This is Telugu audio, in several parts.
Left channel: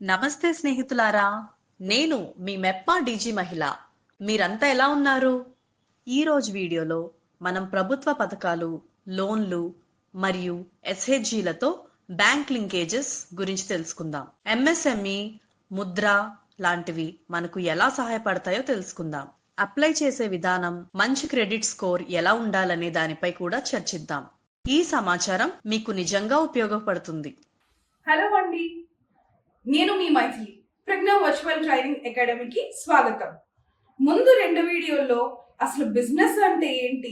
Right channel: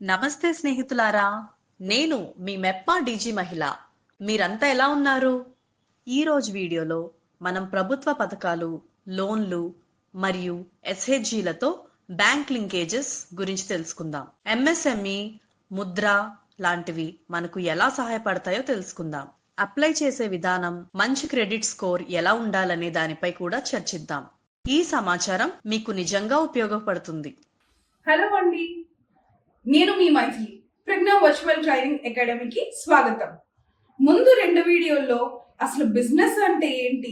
నమస్తే స్నేహితులారా, నేను మీ మెప్పా డీజీ మహిళ. మీరంతా ఎలా ఉన్నారు? ఈరోజు వీడియోలో మనం ప్రభుత్వ పథకాలు, లోన్లు మరియు ఎస్హెచ్జీలతో బ్యాంక్ లింకేజెస్ గురించి తెలుసుకుందాం. ఎంఎస్ఎంఈ, ముద్ర లాంటివి మనకు ఎలా సహాయపడతాయో తెలుసుకుందాం. అప్లై చేసే విధానం, మంచి క్రెడిట్ స్కోర్ ఎలా ఉండాలనే దానిపై కూడా చర్చిద్దాం. ఈ సమాచారం మీకు నిజంగా ఉపయోగపడుతుంది. హలో అండి, నేను మీ మైథిలి. ప్రజ్ఞ వర్చువల్ ట్రైనింగ్ అకాడమీకి స్వాగతం. ముందు 2 వీడియోల్లో అసలు బిజినెస్ అంటే ఏంటి,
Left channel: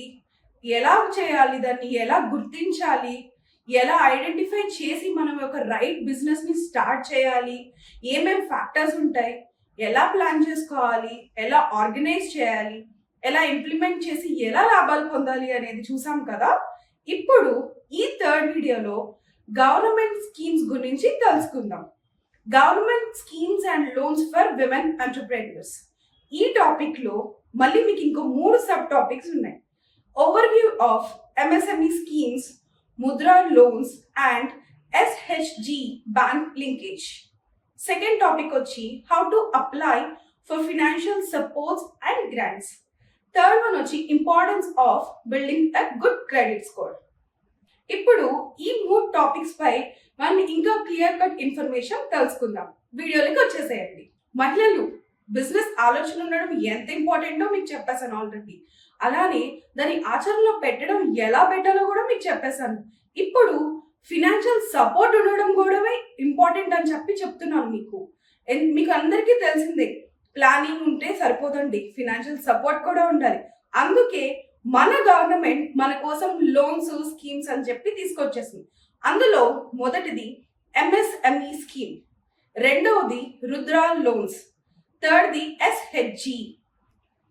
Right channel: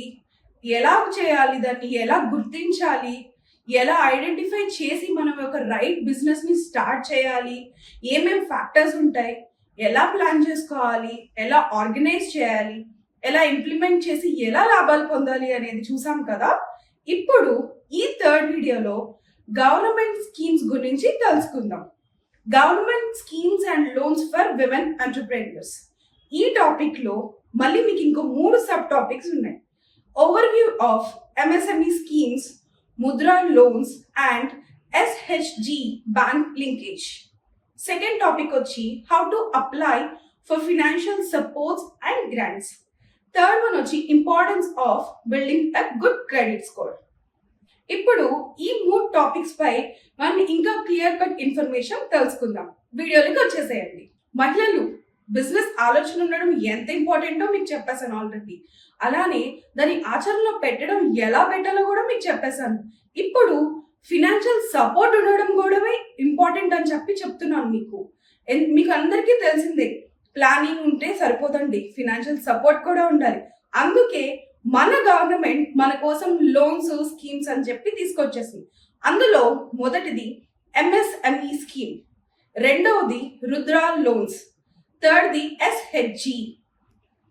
ఎలా చేయాలి, దాన్ని ఎలా గుర్తించాలి, ఎలా ఐడెంటిఫై చేసి మనం ఒక రైట్ బిజినెస్ని స్టార్ట్ చేయాలి, ఏమేం ఫ్యాక్టర్స్ ఉంటాయి, ఎలా ప్లాన్ చేసుకోవాలి, ఎలా ఆర్గనైజ్ చేయాలి, ఎలా ఇంప్లిమెంట్ చేసి ఎలా లాభాలు పొందాలి అనేది చూసాం కదా. ఇప్పుడు ఈ 3rd వీడియోలో గవర్నమెంట్ స్కీమ్స్ గురించి తెలుసుకుందాం. Government schemes and loans for women entrepreneurs. ఈ టాపిక్ లో మళ్ళీ మీకు ఇంకో 3 సబ్ టాపిక్స్ ఉన్నాయి. Overview of MSME schemes, Mudra loans and SHG bank linkage. Second topic వచ్చి how to apply for financial supports and grants. Third one వచ్చి importance of building a good credit score. ఇప్పుడు ఈ 3 టాపిక్స్ పై మనం ఇంకా క్లియర్ కట్ ఇన్ఫర్మేషన్ తెలుసుకుందాం. వీడియోలోకి వచ్చేసేయండి. మహిళలు బిజినెస్ ఆలోచన ఉండడం ఎంత ఇంపార్టెంటో మీకు చెప్పేశాను ఆల్రెడీ. అలానే దాని ఆచరణలో పెట్టడం ఎలా పెట్టాలో కూడా మీకు చెప్పేశాను. ఇప్పుడు ఫినాన్షియల్ సపోర్ట్ ఉండడం కూడా ఇంపార్టెంట్ అని చెప్తున్నాను మీకు. మీకు అందరికీ తెలిసిందే, ప్లానింగ్ ఉంటే సరిపోదండి, ఫినాన్షియల్ సపోర్ట్ కూడా ఉండాలి. అందుకే మన గవర్నమెంట్ మన కోసం లోన్స్, స్కీమ్స్ అని చెప్పి తీసుకొచ్చేసింది. అందులో మొదటిది ఎంఎస్ఎంఈ స్కీమ్, రెండవది రుద్రా లోన్స్, థర్డ్ది ఎస్హెచ్జి.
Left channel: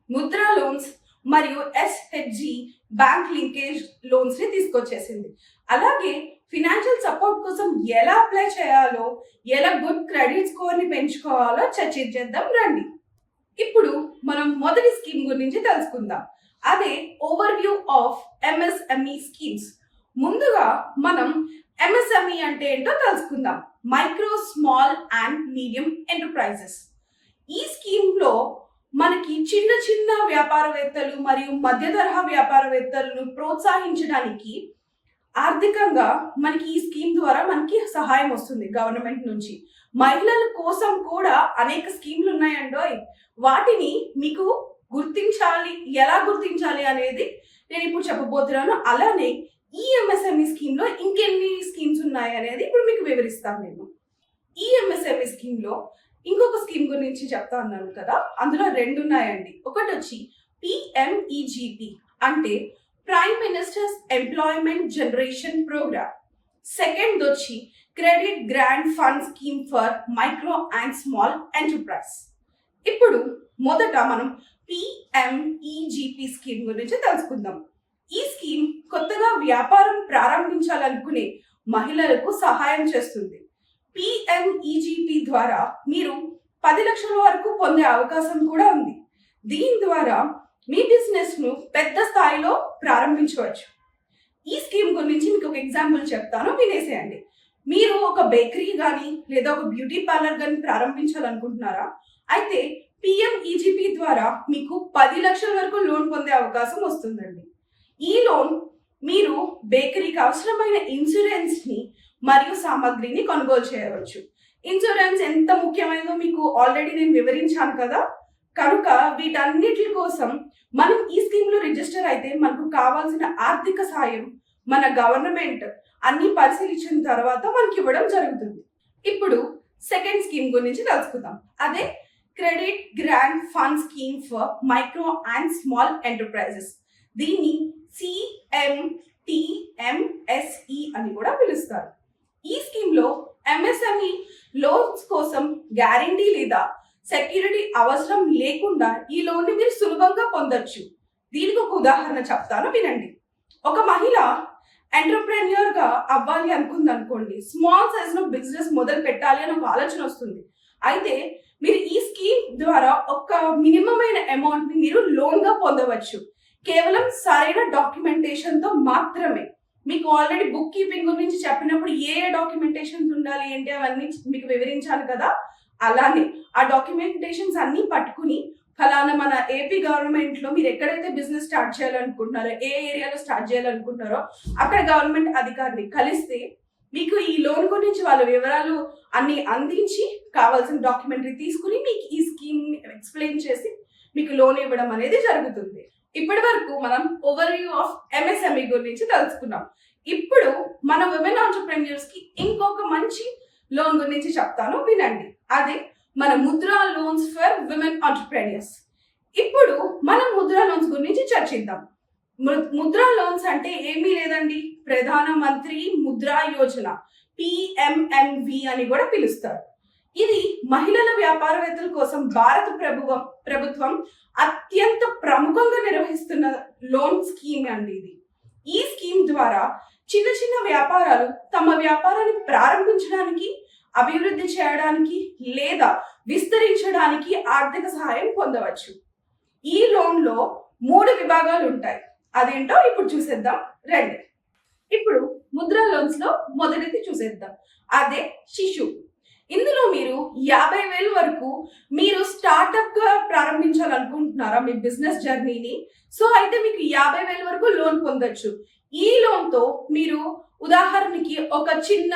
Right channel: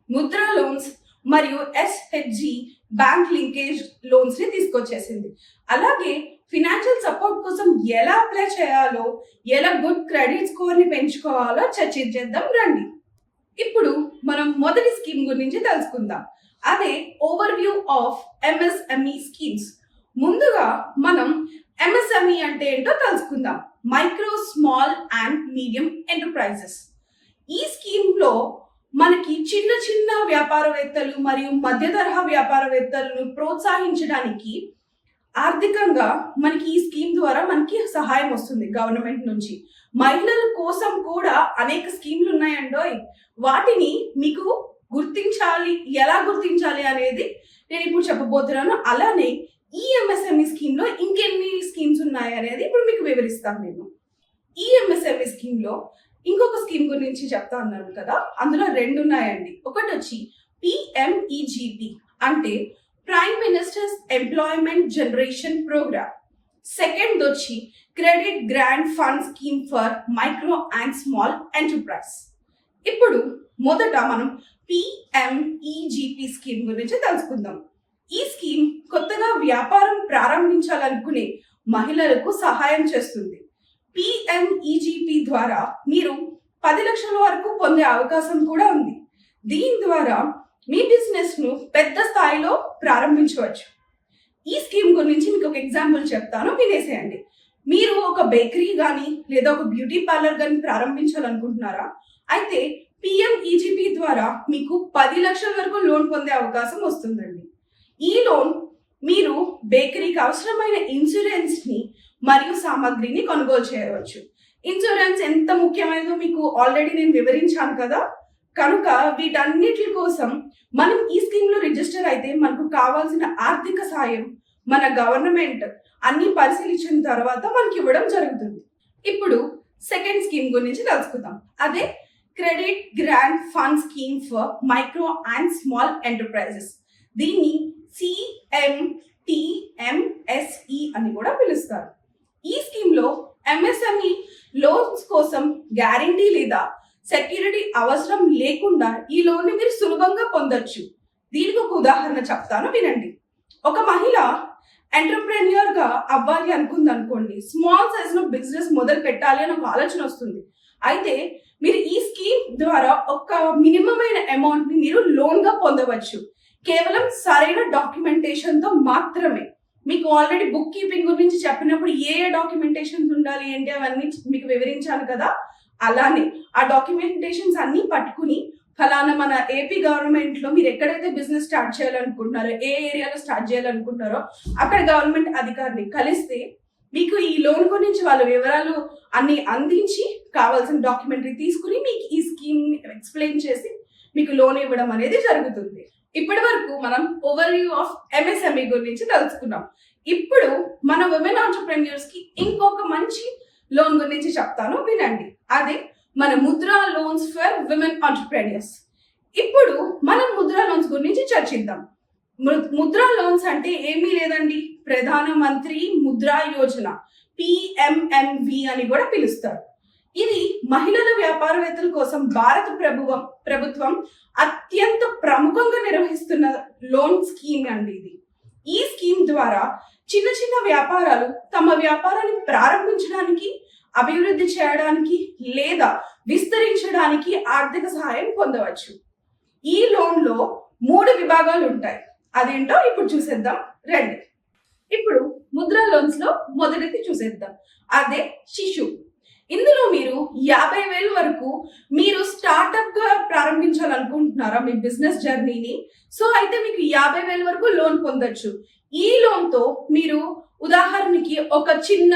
ముద్రా లోన్స్ మరియు ఎస్హెచ్జి బ్యాంక్ లింకేజ్ లోన్స్ ని తీసుకొచ్చేసింది. అలాగే ఫినాన్షియల్ సపోర్ట్ కోసం ఎలా అప్లై చేయాలో, ఎలా గుడ్ క్రెడిట్ స్కోర్ ని పెంచుకోవాలో చర్చించేద్దాం రండి. ఇప్పుడు మనం మొదటి స్కీమ్ గురించి తెలుసుకుందాం. అదే ఓవర్వ్యూ ఆఫ్ ఎంఎస్ఎంఈ స్కీమ్స్. ముందుగా మనం ఎంఎస్ఎంఈ అంటే ఏంటో తెలుసుకుందాం. Micro, small and medium enterprises. ఈ స్కీమ్ లో మనకి చిన్న చిన్న వ్యాపారవేత్తలు మరియు మధ్య తరహా వ్యాపారవేత్తలను ప్రోత్సహించడానికి ఆర్థికంగా మనకి ఈ స్కీమ్ ద్వారా మనకి సహాయం వస్తుంది గవర్నమెంట్ నుంచి. మహిళల కోసం కూడా అనేక స్కీమ్లు ఉన్నాయండోయ్. వాటిని మీకు గుర్తించాలి, ఎలా గుర్తించాలి అనేది నేను ఇప్పుడు చెప్పబోతున్నాను. అలానే ఈ ఎంఎస్ఎంఈ స్కీమ్ లో ఇంకెన్ని స్కీమ్స్ ఉన్నాయి అనేది ఇప్పుడు మీకు వివరిస్తాను నేను. ఈ ఎంఎస్ఎంఈ స్కీమ్ లో ఇంకొక స్కీమ్ గురించి చెప్తా ఉన్నాను కదా, అందులో 2 ఉన్నాయండి. ఒకటి వచ్చి పిఎంఈజిపి అంటే prime minister's employment generation program. Second వచ్చి credit grant fund scheme for micro and small enterprise. ఇప్పుడు మొదట మనం పిఎంఈజిపి స్కీమ్ గురించి తెలుసుకుందాం. ఈ స్కీమ్ కొత్తగా వ్యాపారం ప్రారంభించాలనుకునే మహిళలకు సహాయం చేస్తుంది. పిఎంఈజిపి ద్వారా మీరు 10 లక్షల వరకు పొందే అవకాశం కూడా ఉంది. దీని ద్వారా మీ బిజినెస్ ను పెద్ద స్థాయిలో ప్రారంభించవచ్చు. ఈ స్కీమ్ గురించి మీకు ఒక ఎగ్జాంపుల్ చెప్తాను, వినేసేయండి. మీరు ఒక బేకరీ కానీ లేదా ఒక బ్యూటీ పార్లర్ కానీ ప్రారంభించాలనుకుంటున్నారా? అయితే పిఎంఈజిపి ద్వారా మీకు 10 లక్షల వరకు లోన్ పొందే అవకాశం వస్తుందండి. ఈ లోన్ మీరు బేకరీకి అవసరమైన ఇన్సూరెన్స్ ని మరియు సామాగ్రిని కొనుగోలు చేయవచ్చు. ఇన్సూరెన్స్ ఎంత ముఖ్యమైనదో మీకు ఆల్రెడీ నేను వివరించాను కదా. కనుక వీటన్నిటి కోసం మనం ఈ స్కీమ్ లో రిజిస్టర్ అయితే మనకు కావాల్సిన ఆర్థిక సాయం మన గవర్నమెంట్ అన్ని పరిశీలించిన తర్వాత మనకి ఇవ్వడం జరుగుతుంది. ఇప్పుడు సెకండ్ స్కీమ్ గురించి తెలుసుకుందాం. అదే credit grant fund scheme for micro and small enterprises. దీన్ని సిఎంటిఎంఎస్ఈ అని కూడా పిలుస్తారు. ఈ స్కీమ్ లో ఎంఎస్ఎంఈ లోన్స్ కోసం గ్యారంటీ లేదా సెక్యూరిటీ అవసరం లేకుండా ఈ లోన్ ని మీరు సులభంగా పొందొచ్చు. దీనికి ఒక ఉదాహరణ చెప్తాను, వినండి. ఒక మహిళ ఎంటర్ప్రెన్యూర్ గా అవ్వాలి అనుకుంది అనుకోండి, స్మాల్ సైజ్ లో బిజినెస్ మొదలు పెట్టాలి అని ఒక ఆలోచన వస్తుంది. అయితే మీరు ఈ స్కీమ్ ద్వారా ఒక మినిమం అయిన అమౌంట్ ని మీరు లోన్ గా పొందవచ్చు, కేవలం సరైన డాక్యుమెంటేషన్ తో మాత్రమే. మీకు ఆల్రెడీ బుక్ కీపింగ్ గురించి చెప్పినప్పుడు ఏ డాక్యుమెంటేషన్స్ ఉండాలి ఏంటి అవన్నీ మీకు వివరించాను కదా, అలానే ఆ డాక్యుమెంటేషన్స్ అన్ని పట్టుకుని ఫలానా మన ఏపీ గవర్నమెంట్ లో మీరు ఎక్కడైతే బిజినెస్ స్టార్ట్ చేయాలనుకుంటున్నారో, ఏ ఏరియాలో స్టార్ట్ చేయాలనుకుంటున్నారో అక్కడ గవర్నమెంట్ అధికారిని కలిస్తే మీకు ఈ లోన్ గురించి వాళ్ళ వివరాలు అన్ని అందించి కావాల్సిన డాక్యుమెంటరీ తీసుకుని మీకు ఈ స్కీమ్ ఎక్స్ప్లెయిన్ చేసి మీకు లోన్ ఇవ్వడం అనేది జరుగుతుంది. ఇప్పటి వరకు మనం ఓవర్వ్యూ ఆఫ్ ఎంఎస్ఎంఈ గురించి తెలుసుకున్నాం. ఇప్పుడు మన ఉమెన్ ఆంటర్‌ప్రెన్యూర్స్ కి ఇంకొక మంచి లోన్ గురించి చెప్తాను, వినండి. అదే మన Mudra loans for women entrepreneurs. ఇప్పుడు మనం ముద్రా లోన్స్ గురించి చర్చిద్దాం. ముద్రా లోన్స్ అంటే ఏమీ లేదండి, ప్రధాన మంత్రి ముద్రా యోజన, పిఎంఎంవి అని కూడా పిలుస్తారు. ఇది మహిళల వ్యాపారవేత్తల కోసం భారత ప్రభుత్వం అత్యంత ప్రముఖంగా నిర్వహిస్తున్న లోన్ స్కీమ్ అండి ఇది. ఈ స్కీమ్ ద్వారా చిన్న చిన్న వ్యాపారాలు తమ వ్యాపారాన్ని ప్రారంభించడానికి, అభివృద్ధి చేయడానికి లేదా విస్తరించడానికి ఆర్థిక సహాయం పొందవచ్చు. ఈ లోన్ లో 3 విభాగాలు ఉంటాయి. అదేంటో ఇప్పుడు చూసేద్దాం రండి. ఇప్పుడు ముద్రా లోన్స్ లో మొదటిది చూసేద్దాం, అదే శిశు. ఇందులో మీరు 50,000 వరకు మీరు స్టార్ట్అప్ గా ప్రారంభించాలనుకుంటున్నారా మీ బిజినెస్ జర్నీని? సో అయితే మీకు 50,000 వరకు లోన్ పొందొచ్చు. ఈ లోన్ తో మీరు ఉదాహరణకి ఒక చిన్న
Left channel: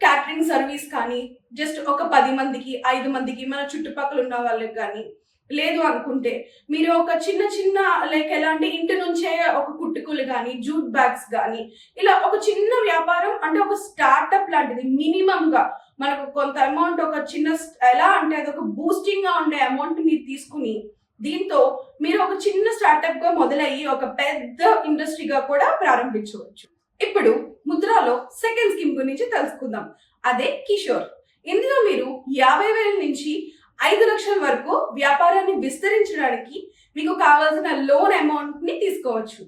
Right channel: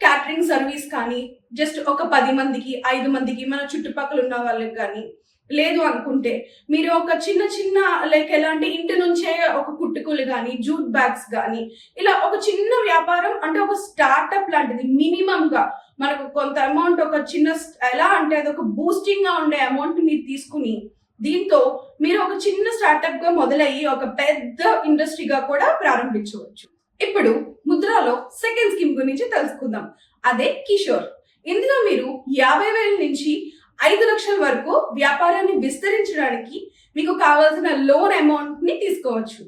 క్యాటరింగ్ సర్వీస్ కానీ, జస్ట్ ఒక 10 మందికి 5 మందికి మన చుట్టుపక్కల ఉన్న వాళ్ళకి కానీ, లేదు అనుకుంటే మీరు ఒక చిన్న లైక్ ఎలాంటి ఇంటి నుంచే ఒక కుట్టుకులు కానీ, జూట్ బ్యాగ్స్ కానీ, ఇలా ఒక చిన్న వ్యాపారం అంటే ఒక స్టార్ట్అప్ లాంటిది మినిమం గా మనకు కొంత అమౌంట్, ఒక చిన్న ఎలా అంటే అది ఒక బూస్టింగ్ గా ఉండే అమౌంట్ మీరు తీసుకుని దీంతో మీరు ఒక చిన్న స్టార్ట్అప్ గా మొదలయ్యి ఒక పెద్ద ఇండస్ట్రీగా కూడా ప్రారంభించవచ్చు. ఇప్పుడు ముద్రాలో సెకండ్ స్కీమ్ గురించి తెలుసుకుందాం, అదే కిషోర్. ఇందులో మీరు 50,000 నుంచి 5 లక్షల వరకు వ్యాపారాన్ని విస్తరించడానికి మీకు కావాల్సిన లోన్ అమౌంట్ ని తీసుకోవచ్చు.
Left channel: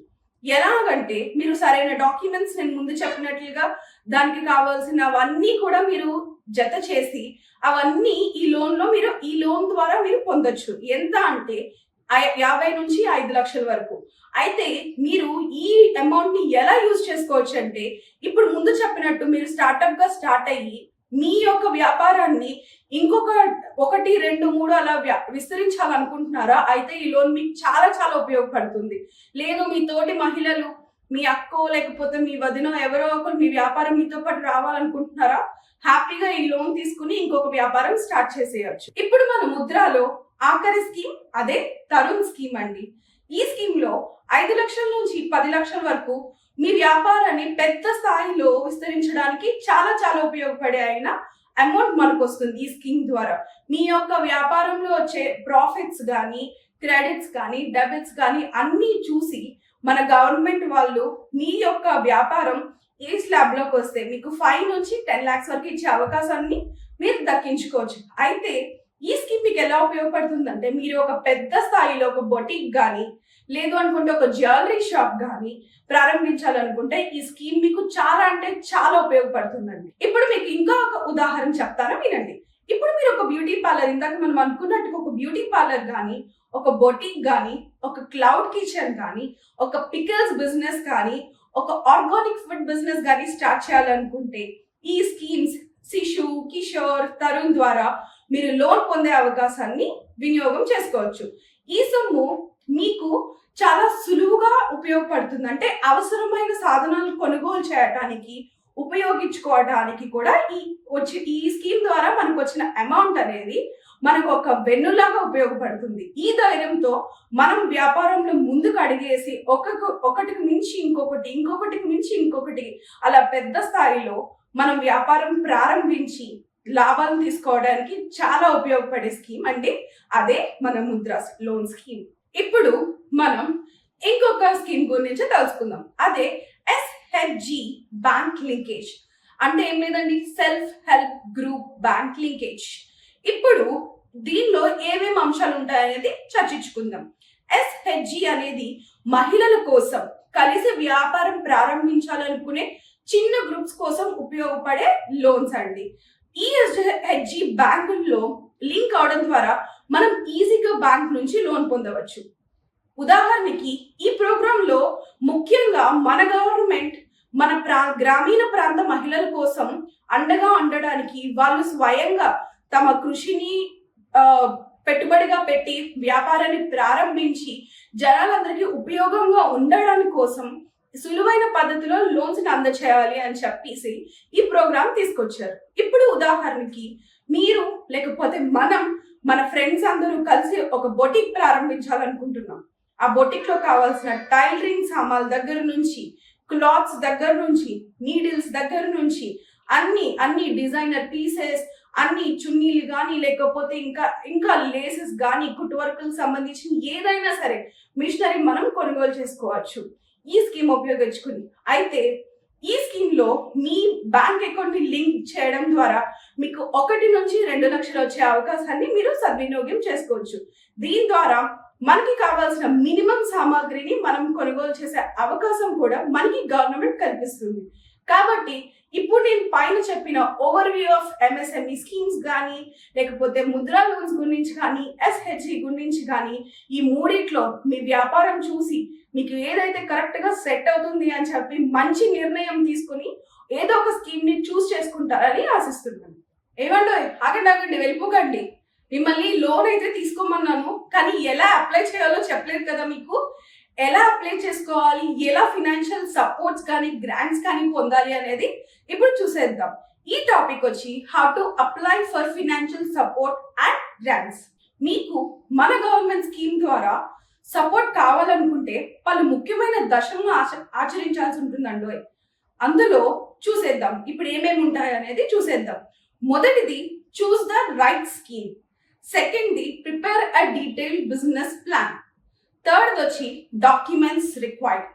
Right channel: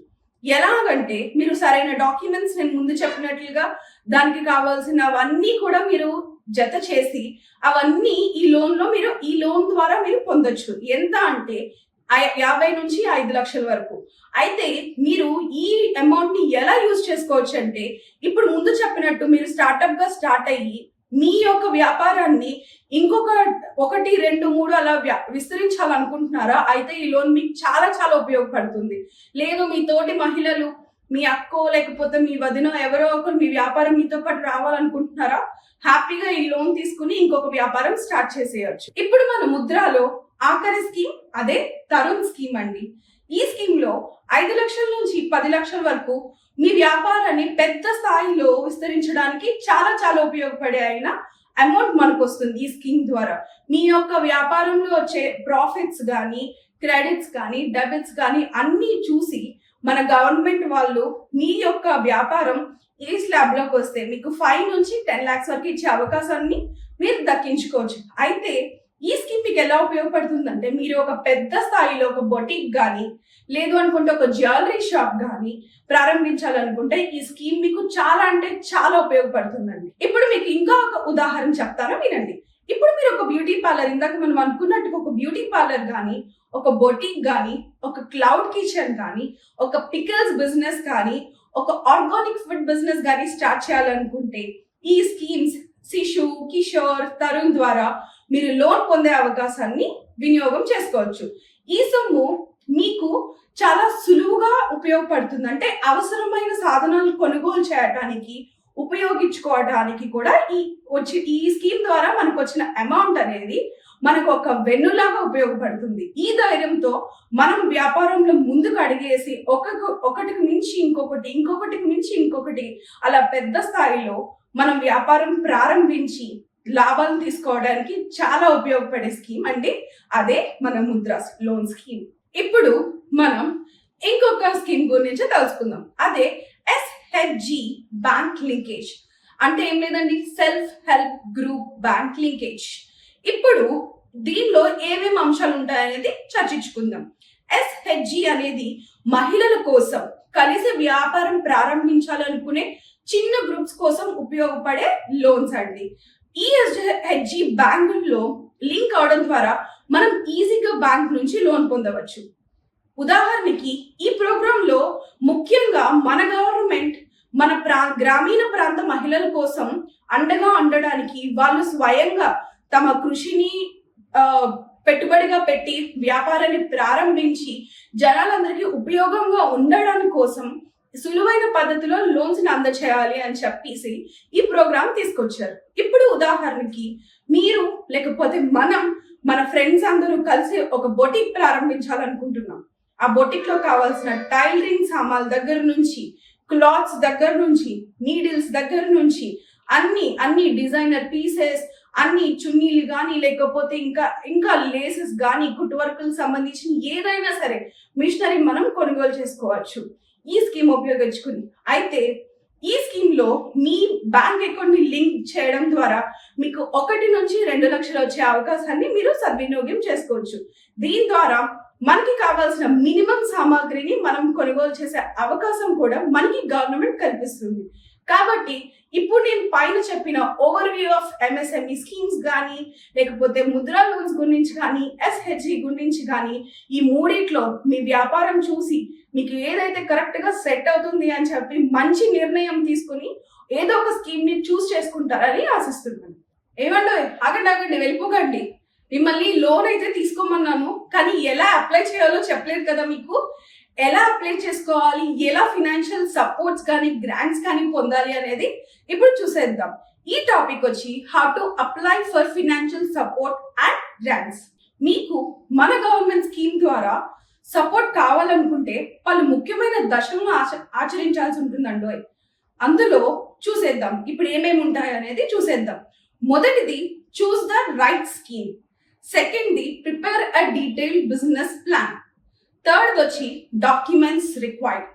ఎలాగంటే మీరు సరైన డాక్యుమెంట్స్ నేను ముందు చెప్పినట్లుగా దానికి కావాల్సినవన్నీ కూడా మీరు జత చేసి అవన్నీ ఈ లోన్ ద్వారా మీరు పొందొచ్చు. ఎంత అంటే 50 నుంచి 5 లక్షల వరకు. అయితే మీరు ఈ అమౌంట్ ని ఎలా యూజ్ చేసుకోవచ్చు అంటే, ఇప్పుడు ముందు చెప్పినట్టు మీరు స్టార్ట్అప్ గా స్టార్ట్ అయ్యి మీ యొక్క వ్యాపారాన్ని ఇంకొక 1, 2, 3 అలా విస్తరించాలనుకుంటున్నారా? అయితే ఈ లోన్ మీకు చాలా చాలా ఉపయోగపడుతుంది. లేదు మీ తోటి మహిళలు, మీ అక్కో లేకపోతే మీ వదినో ఎవరో ఒకరు మీ వ్యాపారం మీతో పాటు రావాలనుకుంటున్నారా? హ్యాపీగా ఈ లోన్ తీసుకుని ఇంకొక వ్యాపారం స్టార్ట్ చేసేయచ్చు. ఇప్పుడు మన ముద్రాలో ఆఖరి స్కీమ్ అదే తరుణ్ స్కీమ్ అండి. ఈ స్కీమ్ లో 5 లక్షల నుంచి 10 లక్షల వరకు మీ వ్యాపారాన్ని పెద్ద స్థాయిలో విస్తరించడానికి చాలా చాలా ఉపయోగపడే అయిన అమౌంట్ మనకు వస్తుంది. ఈ స్కీమ్ ద్వారా మీ యొక్క వ్యాపారంలో వచ్చే ప్రాఫిట్స్ కానీ, క్రెడిట్స్ కానీ, డెబిట్స్ కానీ అన్ని చూసి మన గవర్నమెంట్ వాళ్ళు మీ యొక్క వ్యాపారం ఈ స్లాబ్ లోకి వస్తే మీకు 5 నుంచి 10 lakhs వరకు ఇచ్చే అవకాశాన్ని మీరు దక్కించుకోవచ్చు. అయితే ఈ స్కీమ్ మీకు ఎలా ఉపయోగపడుతుందంటే, మీరు ఒక పెద్ద స్థాయిలో ఒక బొటిక్ కానీ, లేదు అనుకుంటే ఒక జ్యువెలరీ షాప్ కానీ ప్రారంభించాలనుకుంటే ఈ స్కీమ్ మీకు చాలా అంటే చాలా ఉపయోగపడుతుందండి. ఇప్పుడు మీకు ఇంకా ఒక ఉదాహరణ చెప్తాను, వినండి. ఇప్పుడు మీరు ఒక బ్యూటీ పార్లర్, ఇందాక మనం అనుకున్నట్టుగా ఒక బ్యూటీ పార్లర్ కానీ, ఒక బొటిక్ కానీ, ఒక క్లౌడ్ కిచెన్ కానీ, ఒక పికల్స్ బిజినెస్ కానీ, ఒక ఆర్గానిక్ ఫుడ్ బిజినెస్ కానీ స్టార్ట్ చేయాలనుకుంటే ఈ స్కీమ్స్ శిశు, కిషోర్, తరుణ్ ద్వారా మీరు లోన్ పొందే అవకాశాన్ని వినియోగం చేసుకోవచ్చు. ఈ సొమ్ము మీకు చాలా సులువుగా ఉపయోగపడుతుంది. అంటే అవసరమైన సాధనాలు కొనుగోలు చేయడానికి, ఉపయోగించుకోవడానికి కూడా ఈ స్కీమ్ ద్వారా మనకు వచ్చిన అమౌంట్ అనేది మనకు ఒక వెన్నులాగా ఉపయోగపడుతుంది. ఈ ధైర్యంతో మనం వ్యాపారంలో ముందుకు అడిగేసి ఒకటికి మించి ఇంకొకటి, ఇంకొకటికి మించి ఇంకొకటి అలా పెద్ద స్థాయిలో మనం వ్యాపారం ప్రారంభించి లాభాలు తీసుకోవడానికి చాలా ఉపయోగపడే స్కీమ్ అండి. అదే మన ముద్రా లోన్ స్కీమ్. ఇప్పుడు మనం ఇంకొక స్కీమ్ గురించి తెలుసుకుందాం, అదే SHG బ్యాంక్ లింకేజ్. అంటే ఏం లేదండి, self help group bank linkage. ఇప్పుడు దీనిలో ఏమేమి అంశాలు ఉంటాయనేది చర్చించుకుందాం. SHG అనేది మహిళల కోసం కలిసి వ్యాపారం ప్రారంభించాలనుకునే చిన్న గ్రూప్స్ కోసం ఉపయోగపడే లోన్స్ అండి. ఈ SHG బ్యాంకుల్లో లింక్ అవడం ద్వారా మనం ఈజీగా బ్యాంక్ నుంచి లోన్ పొందవచ్చు. ఉదాహరణకి ఈ ప్రోగ్రామ్ లో ముఖ్యంగా మన గవర్నమెంట్ మన గ్రామీణ ప్రాంత మహిళల కోసం అండగా ఉండడానికి వాళ్ళు స్వయంగా తమ కృషిని పెట్టుబడిగా పెట్టి వ్యాపారాన్ని ప్రారంభించి జనాలందరికీ ఉపయోగంగా ఉండడానికి కోసం సులువైన పద్ధతిలో లోన్స్ ని అందచేయాలి అని చెప్పేసి ఈ ప్రోగ్రామ్ తీసుకొచ్చారు. ఇప్పుడు ఉదాహరణకి మీరు లేకపోతే మన ఫ్రెండ్స్ అందరూ కలిసి ఒక బొటిక్ ప్రారంభించాలనుకుంటున్నాం. ఆ బొటిక్ లో కావాల్సిన టైలరింగ్ సామాన్ల దగ్గర నుంచి, క్లాత్స్ దగ్గర నుంచి, నీడిల్స్ దగ్గర నుంచి అన్ని డిజైనర్ పీసెస్, అన్ని చున్నీలు కానీ లేకపోతే ఇంకా లేసెస్ కానీ, కుట్ వర్క్లకు సంబంధించిన ఏదైనా సరే మిషనరీ మనం కొనుగోలు చేసుకోవచ్చు ఈ స్కీమ్ ఉపయోగించుకుని. అయితే ఈ స్కీమ్ లో మీ బ్యాంక్ అకౌంట్ ని లింక్ చేయడం ద్వారా మీకు 1 నుంచి 2 లక్షలు వచ్చే అవకాశాన్ని మీరు సద్వినియోగం చేసుకోవచ్చు. దీని ద్వారా మనకి కావాల్సిన మినిమం సామాగ్రిని మనం కొనుగోలు చేసే అవకాశం కూడా మనకి గవర్నమెంట్ కల్పిస్తుంది. కాబట్టి ఇప్పుడు నేను పైన చెప్పిన over view of MSME schemes కానీ లేకపోతే ముద్రా లోన్స్ గురించి కానీ ఎస్హెచ్జి గురించి కానీ ఈ మూడిట్లో మీ వ్యాపారం చూసి మీకు ఏదైతే కరెక్ట్ గా సెట్ అవుతుంది అని చెప్పి మంచి నిర్ణయం తీసుకుని ఏదో ఒక స్కీమ్ ని చూస్ చేసుకుంటారని ఆశిస్తున్నాను. ఏమండో ఆగండి వెళ్ళిపోకండి. మిమ్మల్ని లోన్ అయితే తీసుకోమన్నాను, కానీ ఎలా అప్లై చేయాలో చెప్పలేదు కదా మీకు. ఎలా అప్లై చేసుకోవాలి, ఎలా ఫినాన్షియల్ సపోర్ట్స్ కానీ గ్రాంట్స్ కానీ పొందాలి అనేది ఇప్పుడు చూసేద్దాం. ఈ టాపిక్ వచ్చి how to apply for financial support and grants. మీకు మన గవర్నమెంట్ స్కీమ్ ద్వారా సపోర్ట్ కావాలనుకుంటే పలు ముఖ్యమైన దశలను ఆచరించాల్సి ఉంటుందండి. అందులో చూసేద్దాం ఇప్పుడు ఏమేమి ఉంటాయి అనేది చూసేద్దాం. మొదటిది చూస్ ద రైట్ స్కీమ్. సెకండ్ది prepare a detailed business plan. Third వచ్చి డాక్యుమెంట్స్ రిక్వైర్డ్.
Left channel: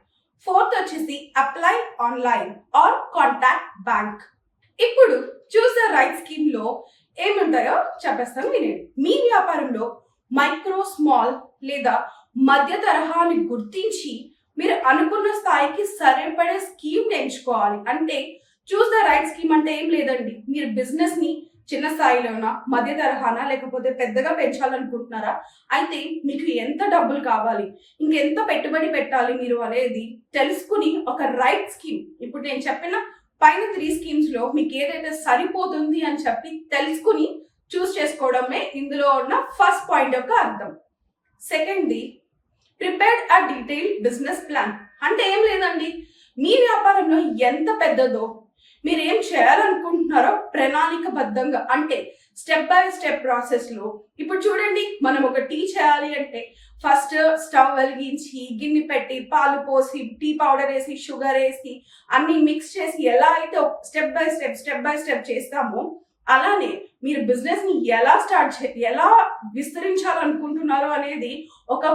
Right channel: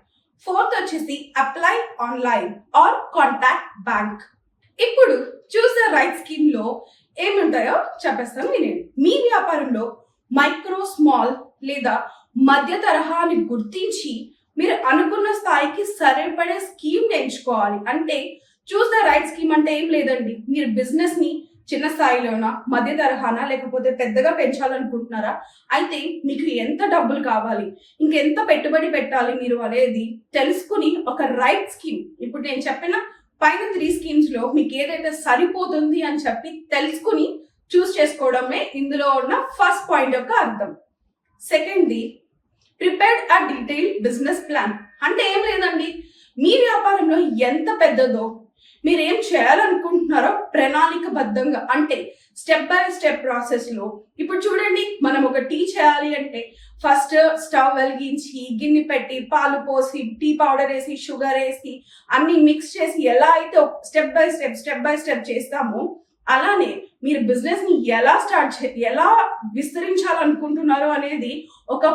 ఫోర్త్ వచ్చేసి apply online or contact bank. ఇప్పుడు చూస్ ద రైట్ స్కీమ్ లో ఏముంటాయో చెప్పేస్తాను వినండి. మీ వ్యాపారంలో మైక్రో, స్మాల్ లేదా మధ్య తరహాని గుర్తించి మీరు అనుకున్న స్థాయికి సరిపడే స్కీమ్ ఎంచుకోవాలి. అంటే చూస్ ద రైట్ స్కీమ్ అంటే ఏం లేదండి, మీరు బిజినెస్ ని చిన్న స్థాయిలోనా, మధ్య తరహానా, లేకపోతే పెద్దగా పెంచాలనుకుంటున్నారా, అయితే మీకు ఎంత డబ్బులు కావాలి, ఇంకెంత పెట్టుబడి పెట్టాలి మీరు అనేది తెలుసుకుని ఒక రైట్ స్కీమ్, ఇప్పుడు నేను చెప్పిన పైన 3 స్కీమ్స్ లో మీకు ఏదైతే సరిపోతుంది అని చెప్పి తెలుసుకుని చూస్ చేసుకోవడమే ఇందులో ఉన్న ఫస్ట్ పాయింట్ యొక్క అర్థం. సెకండ్ది prepared a detailed business plan. అంటే ఏం లేదండి, మీ వ్యాపారంలో ఎంత పెద్దదో, మీరు ఏం చేయాలనుకుంటున్నారో ప్రణాళికబద్ధంగా, అంటే స్టెప్ బై స్టెప్ ప్రాసెస్ లో. ఇప్పుడు చూడండి, మనం ఒక టీ చేయాలి అంటే ఫస్ట్ స్టవ్ వెలిగించి గిన్నె పెట్టి పాలు పోసి టీ పౌడర్ వేసి షుగర్ వేసి అన్ని మిక్స్ చేసి ఎలా అయితే స్టెప్ బై స్టెప్ చేస్తామో, అలానే మీరు బిజినెస్ ని ఎలా విస్తరించాలనుకుంటున్నారో అనేది ఒక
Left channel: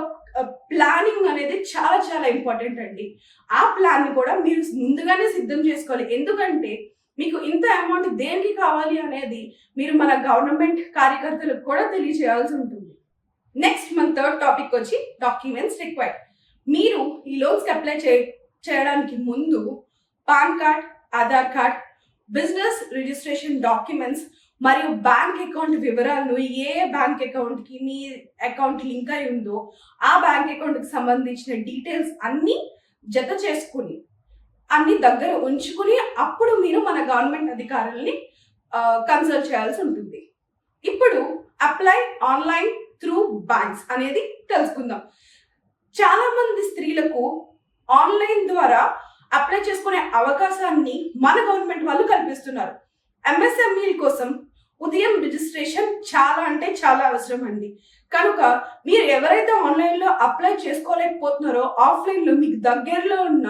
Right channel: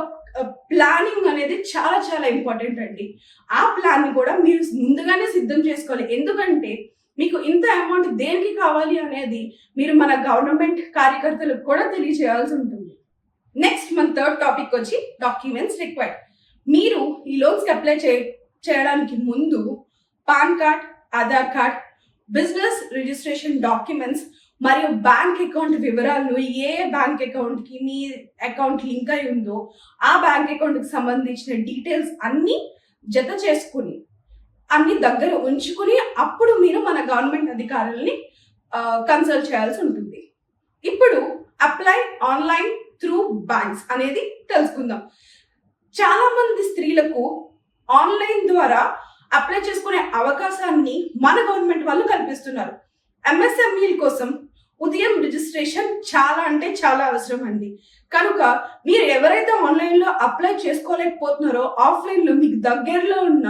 ప్లానింగ్ అనేది చాలా చాలా ఇంపార్టెంట్ అండి. ఆ ప్లాన్ ని కూడా మీరు ముందుగానే సిద్ధం చేసుకోవాలి. ఎందుకంటే మీకు ఇంత అమౌంట్ దేనికి కావాలి అనేది మీరు మన గవర్నమెంట్ కార్యకర్తలకు కూడా తెలియజేయాల్సి ఉంటుంది. నెక్స్ట్ మన థర్డ్ టాపిక్ వచ్చి డాక్యుమెంట్స్ రిక్వైర్డ్. మీరు ఈ లోన్స్ అప్లై చేయడానికి ముందు pan card, Aadhaar card, business registration documents మరియు బ్యాంక్ అకౌంట్ వివరాలు, ఏ బ్యాంక్ అకౌంట్ కి మీ అకౌంట్ లింక్ అయి ఉందో ఆ బ్యాంక్ అకౌంట్ కి సంబంధించిన డీటెయిల్స్ అన్ని జత చేసుకుని అన్ని దగ్గర ఉంచుకుని అప్పుడు మీరు మన గవర్నమెంట్ అధికారుల్ని కన్సల్ట్ చేయాల్సి ఉంటుంది. ఇప్పుడు అప్లై ఆన్లైన్ త్రూ బ్యాంక్స్ అనేది తెలుసుకుందాం. చాలా మంది స్త్రీలకు ఆన్లైన్ ద్వారా అప్లై చేసుకునే అవకాశాన్ని మన గవర్నమెంట్ వాళ్ళు కల్పిస్తున్నారు. ఎంఎస్ఎంఈల కోసం ఉదయం రిజిస్ట్రేషన్ చాలా అంటే చాలా అవసరం అండి. కనుక మీరు ఎవరైతే ఆన్లైన్ లో అప్లై చేసుకోలేకపోతున్నారో ఆఫ్లైన్ లో మీకు దగ్గరలో ఉన్న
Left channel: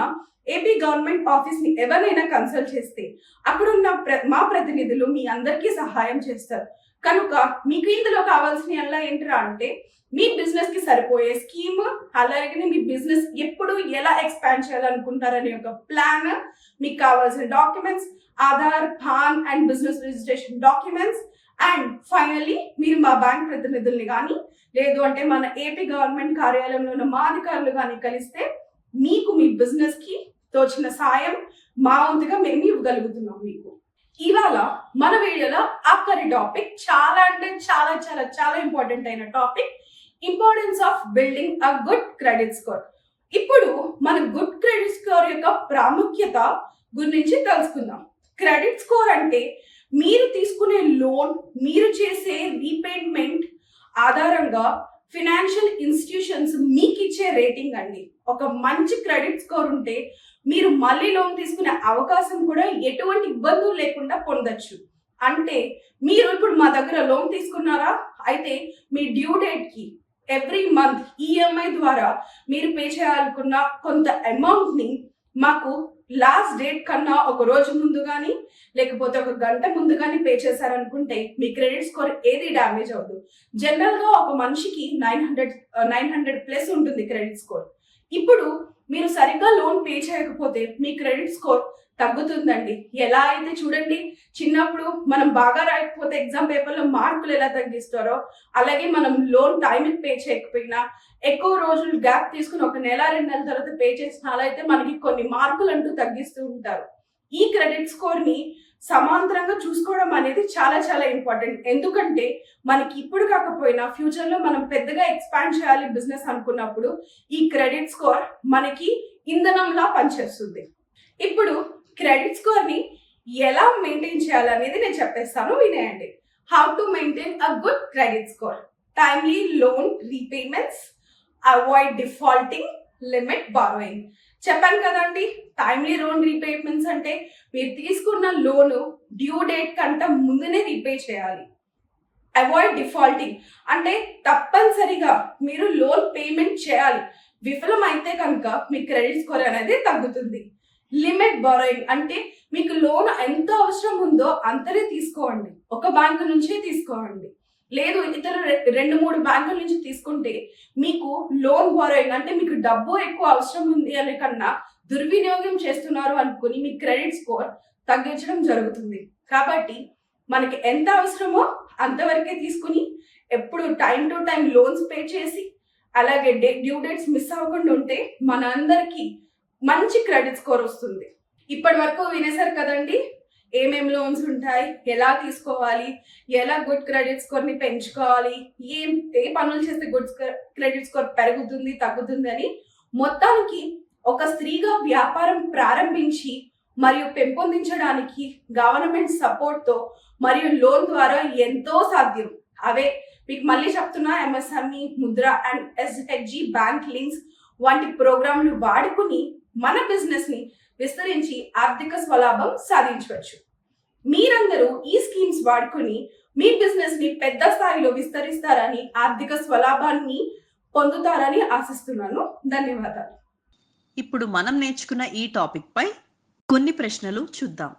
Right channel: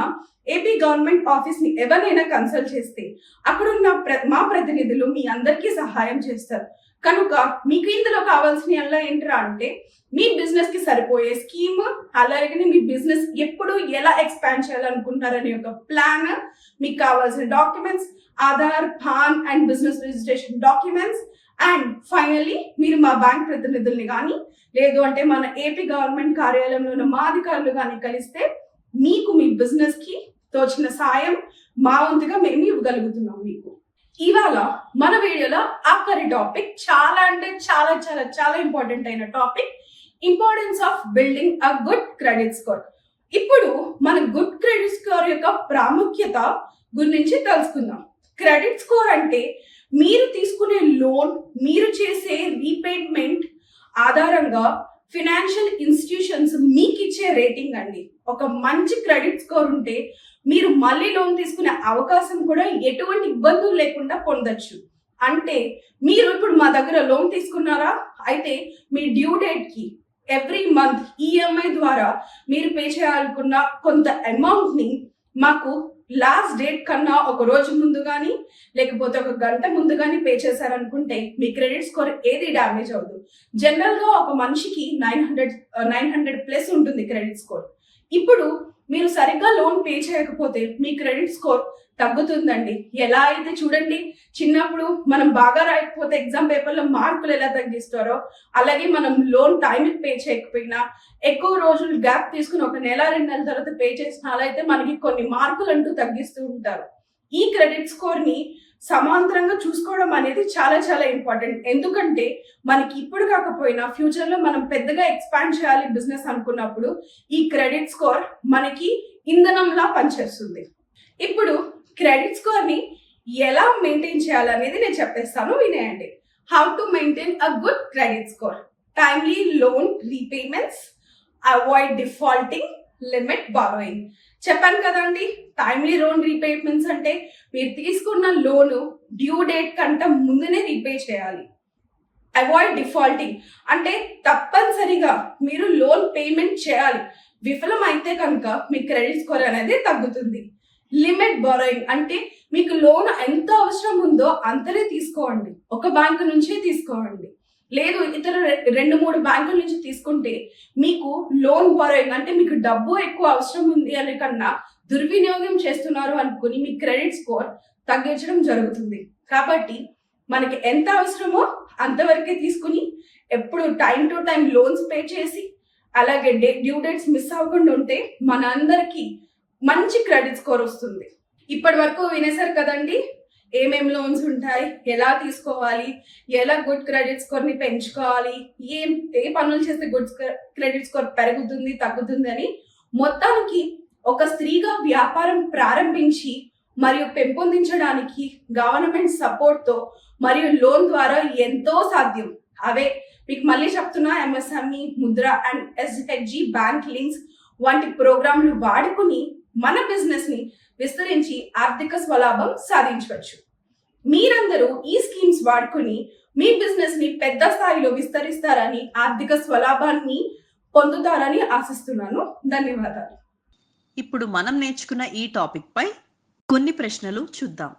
ఏపీ గవర్నమెంట్ ఆఫీస్ ని ఎవరైనా కన్సల్ట్ చేస్తే అక్కడున్న మా ప్రతినిధులు మీ అందరికీ సహాయం చేస్తారు. కనుక మీకు ఇందులో కావాల్సిన ఏంటరా అంటే మీ బిజినెస్ కి సరిపోయే స్కీమ్, అలాగే మీ బిజినెస్ ఎప్పుడు ఎలా ఎక్స్పాండ్ చేయాలనుకుంటారనే ఒక ప్లాన్, మీకు కావాల్సిన documents, Aadhaar, pan and business registration documents, and finally మీరు మా బ్యాంక్ ప్రతినిధుల్ని కానీ లేదు అంటే మన ఏపీ గవర్నమెంట్ కార్యాలయంలో ఉన్న మా అధికారులు కానీ కలిస్తే మీకు మీ బిజినెస్ కి తోచిన సాయం మా వంతుగా మేము ఇవ్వగలుగుతున్నాం మీకు. ఇవాళ మన వీడియోలో ఆఖరి టాపిక్ చాలా అంటే చాలా చాలా చాలా ఇంపార్టెంట్ అయిన topic, importance of building a good credit score. ఇప్పుడు మన గుడ్ క్రెడిట్ స్కోర్ యొక్క ప్రాముఖ్యత గురించి తెలుసుకుందాం. క్రెడిట్ స్కోర్ అంటే మీరు తీసుకునే లోన్, మీరు చేసే రీపేమెంట్ ఆధారంగా ఫినాన్షియల్ ఇన్స్టిట్యూషన్స్ మీకు ఇచ్చే రేటింగ్ అండి. ఒక మంచి క్రెడిట్ స్కోర్ ఉంటే మీరు మళ్ళీ లోన్ తీసుకునే అవకాశం కూడా ఎటువంటి ఇబ్బందులు లేకుండా పొందొచ్చు. అంటే మీరు ఇప్పుడు మా దగ్గర లోన్ తీసుకున్నారా, అయితే మీ డ్యూ డేట్ కి ఎవ్రీ మంత్ ఈఎంఐ ద్వారా మీరు పే చేయాలనుకున్న కొంత అమౌంట్ ని మాకు లాస్ట్ డేట్ కన్నా ఒక రోజు ముందు కానీ లేకపోతే ఒక గంట ముందు కానీ పే చేశారనుకుంటే మీ క్రెడిట్ స్కోర్ ఏది డ్యామేజ్ అవ్వదు. జనరల్ గా ఒక మనిషికి 900 ప్లస్ ఉంటుంది క్రెడిట్ స్కోర్. ఇప్పుడు మీరు సరిగ్గా లోన్ పే చేయకపోతే మీ క్రెడిట్ స్కోర్ తగ్గుతుందండి. ఎలా అయితే చూడండి, చిన్నప్పుడు మనం బాగా రాయకపోతే ఎగ్జామ్ పేపర్లో మార్కులు ఎలా తగ్గిస్తారో, అలాగే మనం లోన్ టైంకి పే చేయకపోయినా ఎక్కువ రోజులు గ్యాప్ తీసుకుని ఒక నెల 2 నెలల తర్వాత పే చేసిన అలా అయితే మనకి కొన్ని మార్కులు అంటూ తగ్గిస్తూ ఉంటారు. ఈ క్రెడిట్ స్కోర్ ని సమాంతరంగా చూసుకోవడం అనేది చాలా చాలా ఇంపార్టెంట్. ఎందుకంటే మనకి ఇప్పుడు కాకపోయినా ఫ్యూచర్ లో మనం పెద్దగా ఎక్స్పాండ్ చేయాలి బిజినెస్ అనుకున్నప్పుడు ఈ క్రెడిట్ స్కోర్ మనకి ఇంధనంలా పనిచేస్తుంది. ఇప్పుడు క్రెడిట్ స్కోర్ ని ఎలా మెయింటైన్ చేయాలనేది నేను చెప్పేస్తాను, వినేయండి. How to maintain a good credit score. Timely loan repayments, avoid defaulting, limit borrowing. చెప్పాను కదండి, టైమ్లీ లోన్ రీపేమెంట్స్ అంటే మీరు తీసుకున్న లోను డ్యూ డేట్ కంటే ముందునే రీపే చేయాలి. అవాయిడ్ డిఫాల్టింగ్ అంటే తప్పనిసరిగా మీరు లోన్ పేమెంట్ చేయాలి. విఫలం అయితే కనుక మీ క్రెడిట్ స్కోర్ అనేది తగ్గుతుంది. లిమిట్ బారోయింగ్ అంటే మీకు లోన్ ఎంత అవసరం ఉందో అంతనే తీసుకోండి. ఒక బ్యాంకు నుంచే తీసుకోండి. లేదు ఇతర 2-3 బ్యాంకుల నుంచి తీసుకుంటే మీకు లోన్ బారోయింగ్ అంటే మీకు డబ్బు ఎక్కువ అవసరం ఉంది అనే కన్నా దుర్వినియోగం చేస్తున్నారు అనుకుని మీ క్రెడిట్ స్కోర్ తగ్గించడం జరుగుతుంది. కాబట్టి మనకి ఎంత అవసరమో అంతవరకే తీసుకుని ఎప్పుడు time to time loans pay చేసి అలాగే డ్యూ డేట్స్ మిస్ అవ్వకుండా ఉంటే మన అందరికీ మంచి క్రెడిట్ స్కోర్ వస్తుంది. ఇప్పటి వరకు వినేశారు కదండి, ఏమేం లోన్స్ ఉంటాయి, ఎలా తీసుకోవాలి, ఎలా గుడ్ క్రెడిట్ స్కోర్ ని పెంచుకోవాలి, ఏ పనులు చేస్తే గుడ్ క్రెడిట్ స్కోర్ పెరుగుతుంది తగ్గుతుంది అని. మొత్తానికి ఒక స్త్రీగా వ్యాపారం ప్రారంభించి మరియు పెంపొందించడానికి గవర్నమెంట్ సపోర్ట్ తో మరియు లోన్ ద్వారా ఎంతో సాధ్యం. అవే మీకు మళ్ళీ చెప్తున్నా, MSME, Mudra and SHG bank links వంటి ప్రోగ్రాంలు వాడుకుని మన బిజినెస్ ని విస్తరించి ఆర్థిక స్వలాభం సాధించవచ్చు. మీరందరూ ఈ స్కీమ్స్ వాడుకుని మీ బిజినెస్ ని పెద్ద స్థాయిలో విస్తరిస్తారని, ఆర్థిక స్వలాభాన్ని పొందుతారని ఆశిస్తున్నాను. ధన్యవాదాలు. ఇప్పుడు మనం నేర్చుకున్న ఈ టాపిక్ పై కొన్ని ప్రశ్నలు చూద్దాం.